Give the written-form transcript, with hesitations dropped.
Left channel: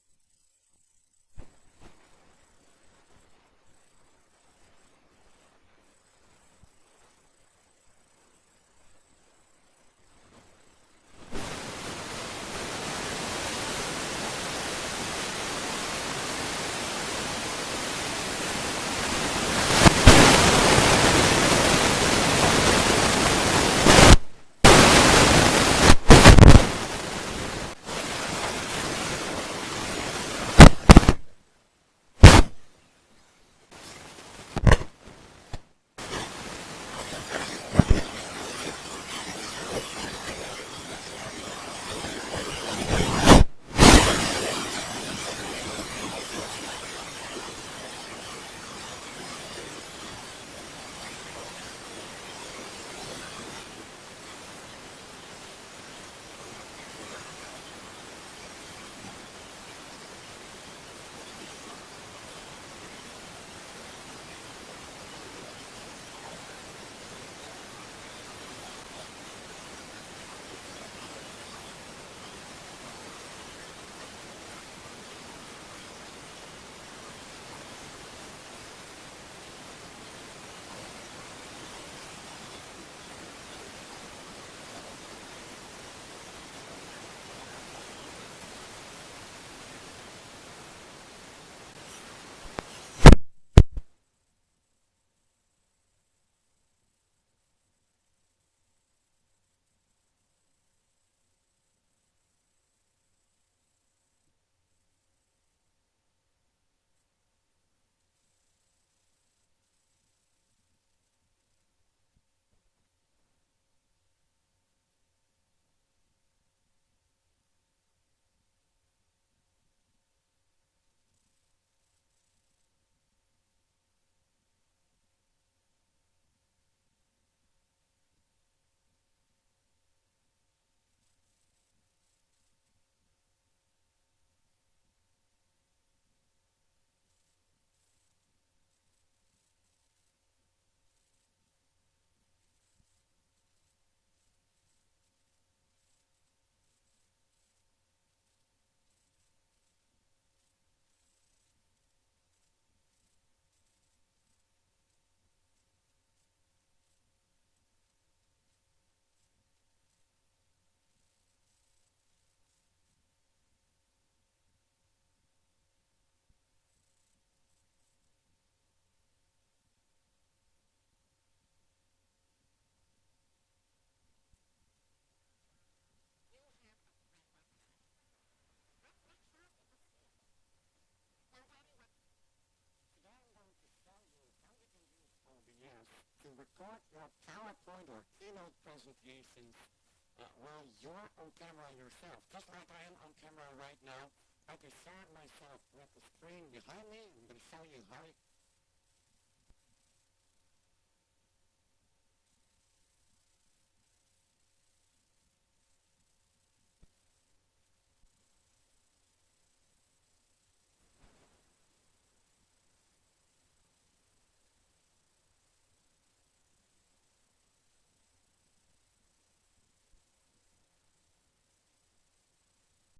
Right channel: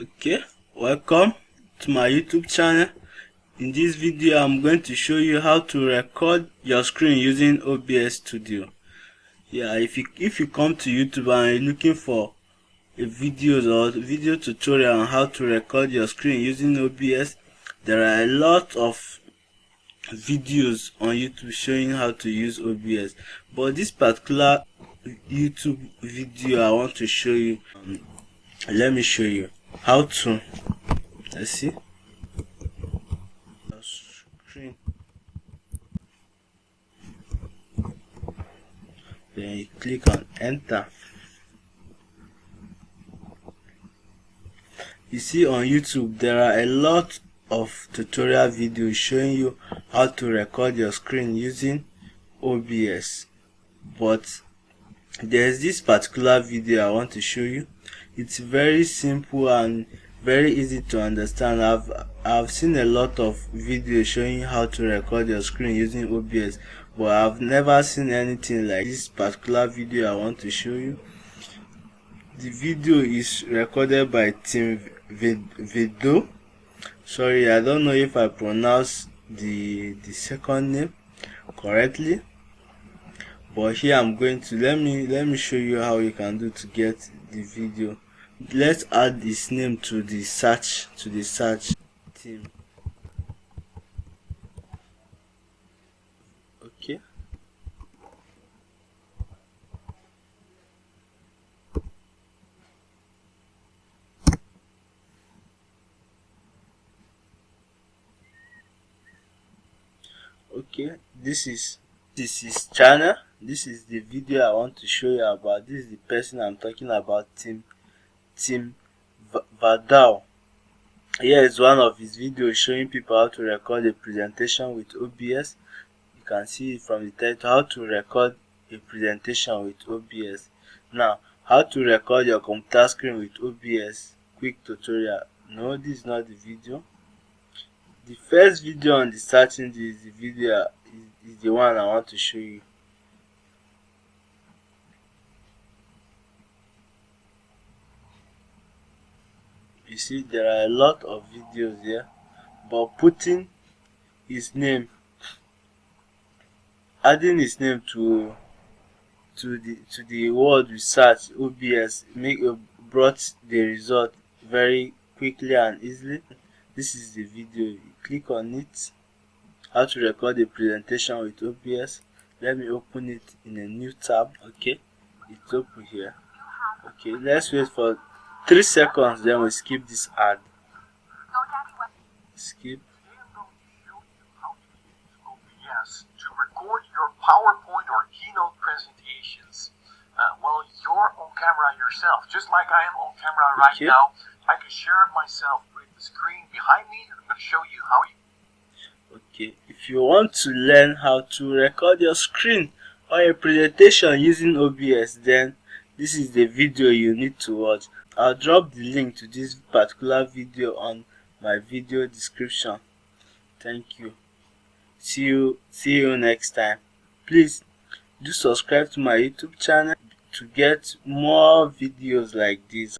Okay, welcome to my YouTube channel. In this video I'm going to show you how to record your screen using OBS Studio. Yeah, if you come to YouTube and you're looking for a video or video tutorial on how to record your screen using OBS, there are a lot of videos showing how to use OBS. For this particular video I want to show you, let me show you how to, let's see. Click on enter. You see, on YouTube there are a lot of tutorial videos showing you how to record your screen using OBS, but there's this particular video I want to show you. It's very simple and very easy to understand. I've seen a lot of videos showing how to record your screen using OBS, but I've never seen anything like this particular video I want to show you. The video is recorded by Team Verdouw. Sorry, I don't know if I pronounce the second name correctly, but here I'm going to let me show you how you can do to get the video. Let's add his name to the search team. Okay, okay, this is his channel. This is the video I want to show you about. This is the person I'm talking about, Team Verdouw. Here is one of his videos showing people how to record a presentation with OBS. You can see it from the title, how to record a presentation with OBS. Now, how to record your computer screen with OBS, quick tutorial. No, this is not the video. The first video on the searching is the video is the one I want to show you. You see, there are a lot of videos here, but putting his name, adding his name to the word we search OBS brought the result very quickly and easily. This is the video. You click on it, how to record a presentation with OBS. Let me open it in a new tab. Okay, it's open here. Okay, let's wait for 3 seconds, then we skip this ad. Skip. OBS to record your PowerPoint or keynote presentations while you're on camera yourself, just like I am on camera right now. I can share myself with the screen behind me. I'm going to show you how you. Okay, if you want to learn how to record your screen or a presentation using OBS, then this is the video you need to watch. I'll drop the link to this particular video on my video description. Thank you. See you next time. Please do subscribe to my YouTube channel to get more videos like this.